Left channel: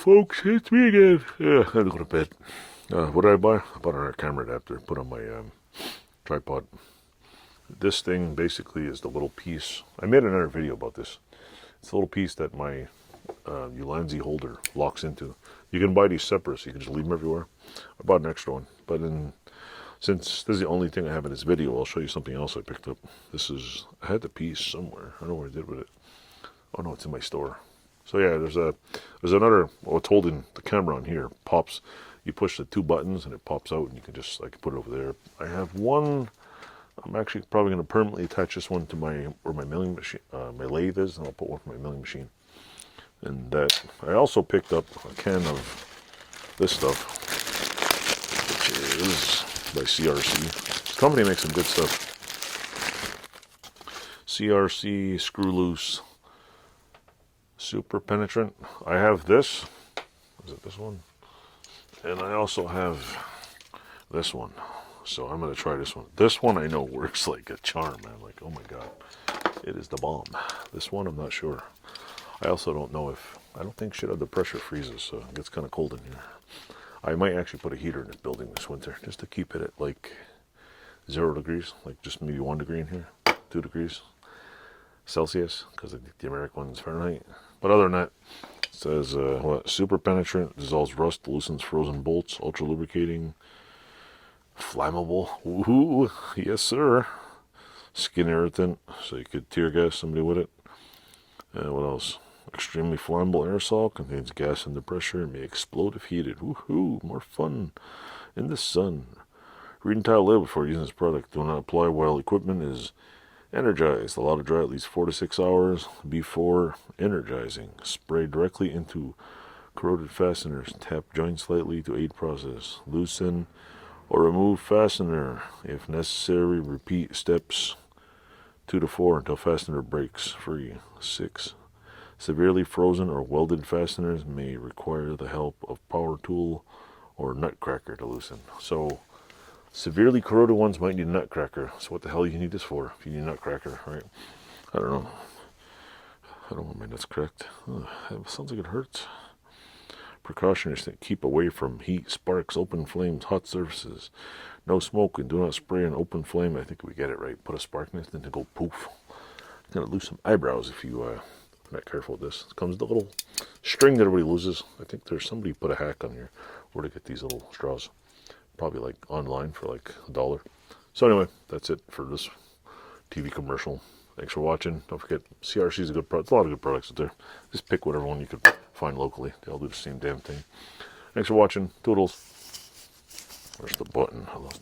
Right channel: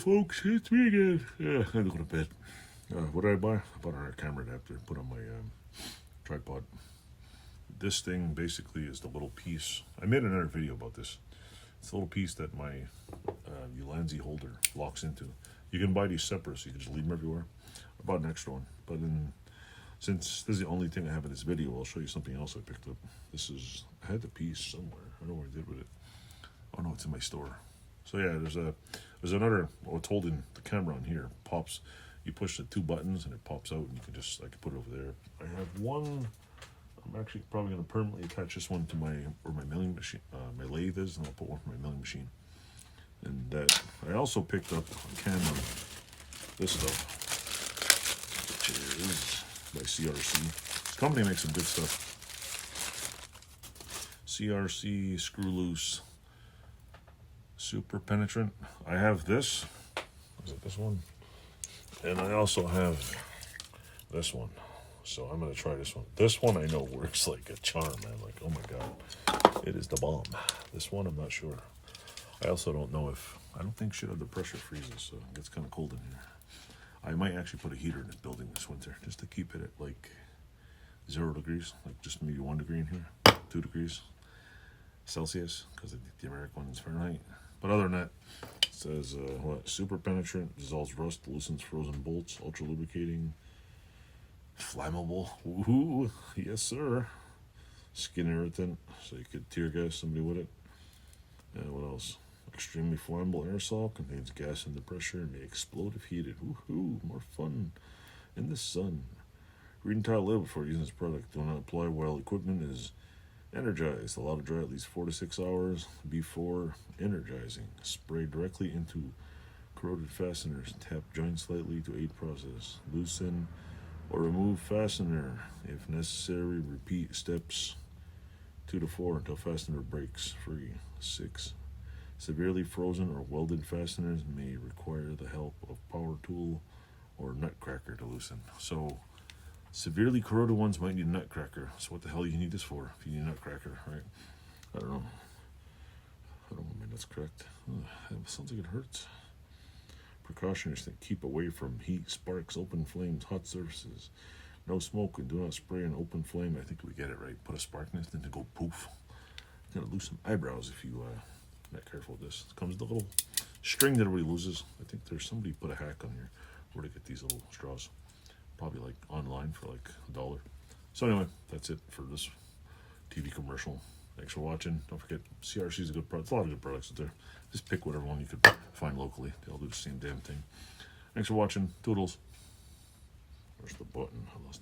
folks, it's me again. Yeah, I had to go to bed. What did I buy? I bought a camera adapter, put on my tripod. This thing basically is the little piece. I made another video about this. It's a little piece that my Ulanzi holder locks into. You can buy these separate, so you can just leave them everywhere. I bought an extra one, but since this is the only thing I have in this video, I'll show you something else I picked up. I had the piece somewhere. I don't know what I did with it. Oh no, it's in my store. So yeah, there's another, it's holding the camera on here, pops. You push the two buttons and it pops out, and you can I can put it over there. I have one. I'm actually probably going to permanently attach this one to where my milling machine, my lathe is, and I'll put one for my milling machine. And I also picked up a can of this stuff, which is by CRC. This company makes some good stuff. CRC Screwloose Super Penetrant. I have this. Is it this one? And I also have this one. So I'm going to try this one. This one I know works like a charm, man. Like, oh my God. It is the bomb. This one, I'm not sure. I also don't know I don't think shit under pressure freezes, so it gets kind of cold in here. I might actually put a heater in this building this winter, just to keep it at like 0 degrees, like just maybe 1 degree in here, 2 degrees Celsius, because I think the American one's Fahrenheit. But other than that, it says, super penetrant, dissolves rust, loosens frozen bolts, ultra lubricating, flammable, woohoo, yes sir, skin irritant, so you could tear gas somebody with it. And what else? Extremely flammable aerosol, contains gas under pressure, and may explode if heated. Woohoo, more fun in the sun. Read entire label before using this product. Do not apply while equipment is energized. Allow to dry at least 4 to 6 hours before energizing. Spray directly into corroded fasteners. Tap joint slightly to aid process. Loosen or remove fastener. If necessary, repeat steps 2 to 4 until fastener breaks free. 6. Severely frozen or welded fasteners may require the help of power tool or nutcracker to loosen. So severely corroded ones might need a nutcracker. So what the hell do you need this for if you need a nutcracker, right? I don't know. I don't want my nuts cracked. It sounds like it hurts. Precautions that keep away from heat, sparks, open flames, hot surfaces. No smoke, and do not spray an open flame. I think we get it right. Put a spark in it, then to go poof. Gonna lose some eyebrows if you are not careful with this. It comes with a little string that everybody loses. I think there's somebody put a hack on here where to get these little straws. Probably like online for like $1. So anyway, that's it for this TV commercial. Thanks for watching. Don't forget, CRC is a good product. There's a lot of good products out there. Just pick whatever one you could find locally. They all do the same damn thing. Thanks for watching. Toodles. Where's the button? I lost